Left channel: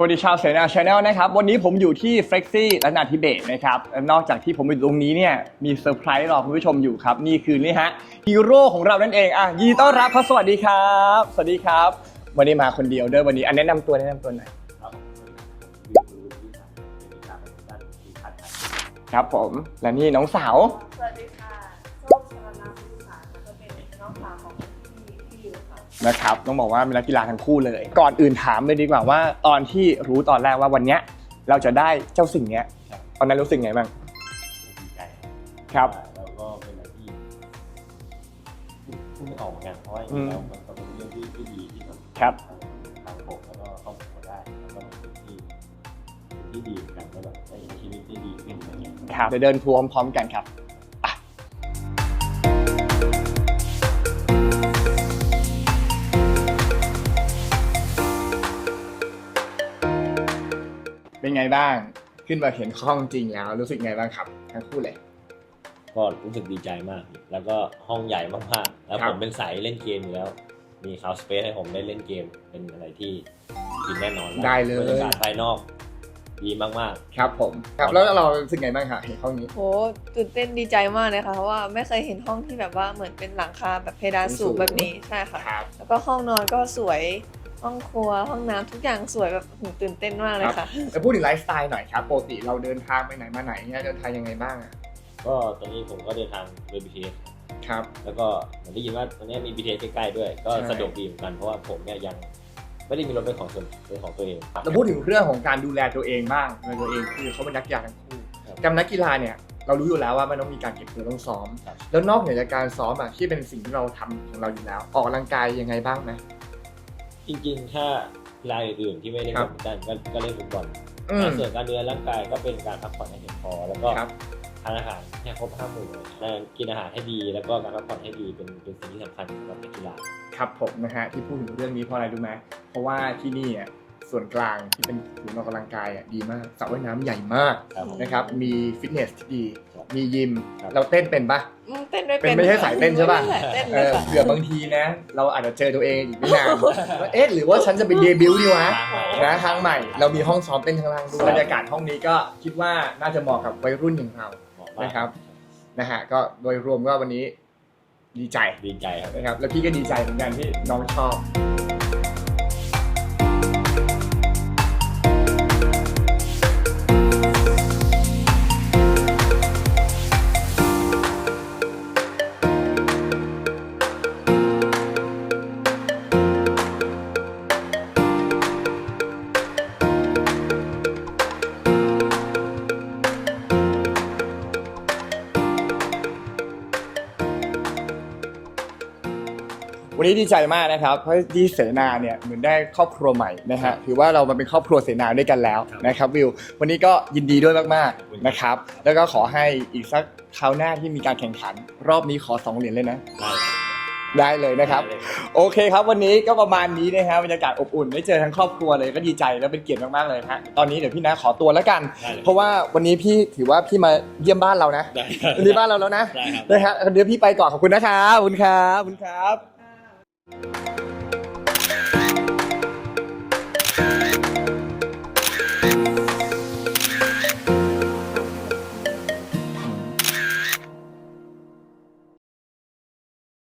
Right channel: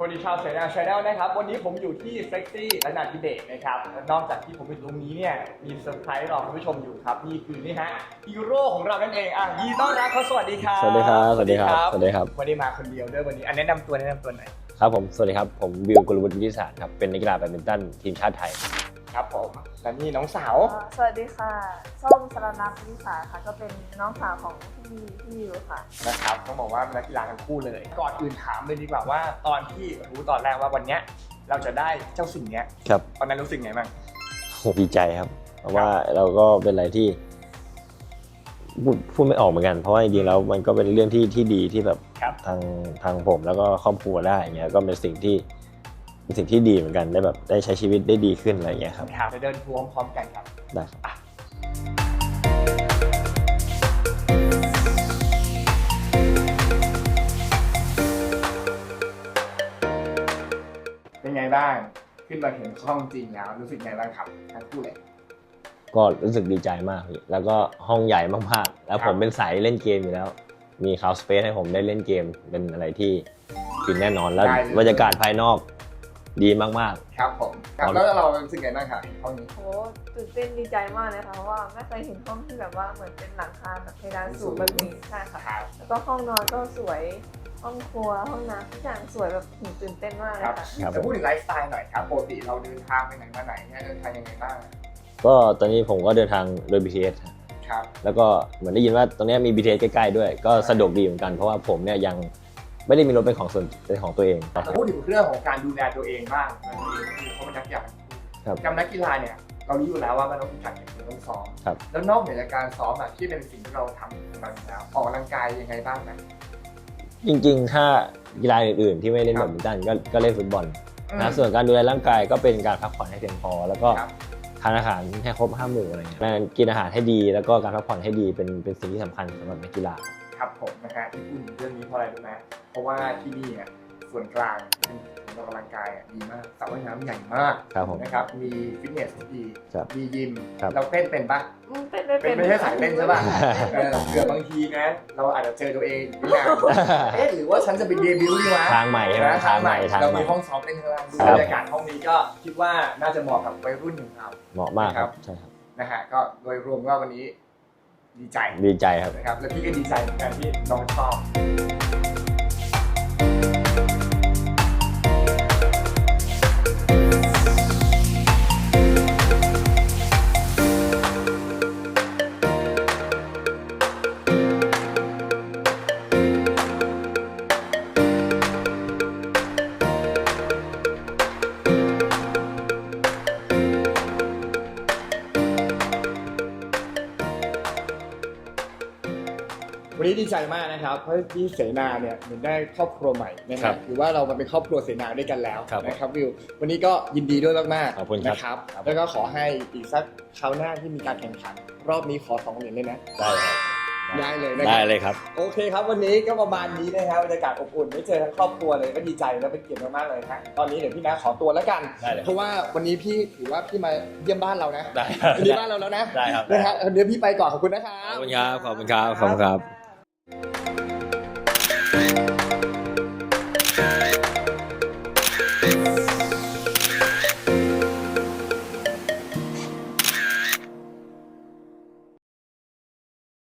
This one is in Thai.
สวัสดีชาวเสนาชาแนลนะครับ วันนี้ผมอยู่ที่เฟ e ็กซี่และนาทิเบตนะครับและนอกจากที่ผมอยู่ตรงนี้เนี่ยมีเซอร์ไพรส์รอคุณผู้ชมอยู่ครับ นี่คือนี่ฮะฮีโร่ของเรานั่นเองอะยินดีต้อนรับเขาสวัสดีครับ สวัสดีครับ สวัสดีครับสวัสดีครับ วันนี้มาคนเดียวด้วยวันนี้อันแนะนำตัวแนะนำตัวหน่อยครับผมสวัสดีครับผมบิวกุลวุฒิวิทยาศาสตร์ครับเป็นนักกีฬาแบดมินตันทีมชาติไทย ครับผมและนี่น้องสาว สวัสดีค่ะส้ม สรณัทวิสาค่ะก็เป็นน้องสาวของพี่พี่ยูค่ะ นะครับต้องบอกว่าเป็นนักกีฬาทั้งคู่เลย ก่อนอื่นถามเลยดีกว่าว่าตอนที่รู้ตอนแรกว่าวันเนี้ยเราจะได้เจ้าสิ่งเนี้ยครับตอนนั้นรู้สึกไงบ้างดีใจครับเพราะครับ ว่าเราก็เป็นอะไรที่พูดพูดไม่ออกเหมือนกัน เพราะว่าจริงๆแล้วมันก็เป็นเรื่องที่ที่ดีที่แบบครับ ทางทางผมแล้วก็ครอบครัวได้อย่างเงี้ยก็เป็นสิ่งที่เป็นสิ่งที่ดีเหมือนกันได้แบบได้ใช้ชีวิตได้ดีขึ้นอะไรอย่างเงี้ยครับ ครับเดี๋ยวเดินทัวร์พร้อมๆกันครับได้ เป็นไงบ้าง ขึ้นมาเห็นห้องจริงแล้วรู้สึกไงบ้างครับทั้งคู่เลย ก็รู้สึกดีใจมากพี่แล้วก็ห้องใหญ่มากๆ แล้วครับ ผมเป็นสายเล่นเกมอยู่แล้ว มีคาวสเปซให้ผมได้เล่นเกมเป็นอะไรที่ฟินแน่นอนแล้วได้เลย บรรยากาศภายนอกดีมากครับผมครับแล้วเรารู้สึกไงบ้างครับเห็นห้องนี้ โหตื่นเต้นดีใจมากเลยค่ะเพราะว่าไม่เคยเห็นห้องที่แบบว่าเหมือนเป็นหลังคาแบบเพดานสูงแบบนี้ใช่ค่ะ ครับ แล้วก็ห้องนอนก็สวย ห้องครัวห้องน้ำทุกอย่างสวยแบบหูตื่นเต้นมากเลยค่ะจะพูดถึงไลฟ์สไตล์หน่อยครับปกติเราเดินทางไปไหนมาไหนเนี่ยเดินทางยังไงบ้างอะๆก็ตอนนี้ผมก็เดินทางโดย BTS ครับ แล้วก็เหมือนได้ยินว่าตรงเนี้ยมี BTS ใกล้ๆด้วย ก็ใช่สะดวกดีเหมือนกันเพราะว่าผมเนี่ยยังไม่ได้มีรถเป็นของส่วนเป็นของตัวเอง จะพูดถึงเรื่องของการดูแลตัวเองบ้างในตัวเองคือเขาเป็นนักกีฬาทั้งคู่ครับกับนักกีฬาเนี่ยเรารู้อยู่แล้วว่ามันต้องมีการเก็บตัวต้องซ้อม ครับ แล้วนอกเหนือจากการซ้อมอะที่เป็นสิ่งที่เราทำของเราอยู่แล้ว ออกกำลังกายยังไงบ้างไหม จริงๆ ถ้ากีฬาอื่นๆที่ไม่ได้ครัแบบดมินตันก็ก็เล่นฟุตบอลอืมนะส่วนการดูแลร่างกายก็เป็นการพักผ่อนให้เพียงพอ แล้วก็ครับทานอาหารให้ครบห้าหมู่อะไรเงี้ยการกินอาหารให้ดี แล้วก็การพักผ่อนให้ดีเป็นเป็นสิ่งที่สำคัญสำหรับนักกีฬาครับผมนะฮะที่พูดถึงเรื่องนี้เพราะอะไรรู้ไหมเพราะว่าที่นี่อะ ส่วนกลางที่เป็นศูนย์ออกกำลังกายอะดีมากสระว่ายน้ำใหญ่มากครับผม นะครับ มีฟิตเนสที่ดี ครับมียิม ครับ เราเต้นเป็นปะ อืมเต้นไม่เป็เป็นนไม่ใช่สายเต้นใช่ปะ เต้นเอเลยอค่ะเผื่อบางทีนะ เราอาจจะเจอตัวเองอีกไม่นานเอ๊ะหรือว่าฉันจะไปเดบิวต์ดีวะ ทางใหม่นะทางใหม่ทางใหม่เรามีห้องซ้อมเต้นข้างล่างด้วยครับบรรยากาศห้องนี้ก็คิดว่าน่าจะเหมาะกับวัยรุ่นอย่างเรา เหมาะมากนะครับใช่ครับนะฮะก็โดยรวมก็วันนี้ดีใจดีใจครับ นะครับแล้วพี่ก็ดีใจเหมือนกันที่น้องชอบ วันนี้ดีใจมากนะครับ เพราะที่เสนาเนี่ยเหมือนได้ครอบครัวใหม่นะครัฮะบถือว่าเรามาเป็นครอบครัวเสนาด้วยกันแล้วครับนะครับวิว วันนี้ก็ยินดีด้วยมากขอบคุณๆครับนะครับครับ แล้วก็ขอให้อีกสักคราวหน้าที่มีการแข่งขัน รอบนี้ขอสองเหรียญเลยนะ ได้ครับได้เลยนะครับ ได้เลยครับ โอเคครับ วันนี้ก็ประมาณนี้นะครับบรรยากาศอบอุ่นได้เจอทั้งครอบครัวเลยก็ดีใจและเป็นเกียรติมากๆเลยนะฮะตอนนี้เดี๋ยวพี่นะขอตัวแล้วกัน ได้เลย เพราะว่าวันนี้พี่ถือว่าพี่มาเยี่ยมบ้านเรานะได้ครับวันนี้บ้านเราแล้วนะได้ครับ นะฮะเดี๋ยวพี่ไปก่อนขอบคุณนะครับขอบคุณครับ ขอบคุณครับ you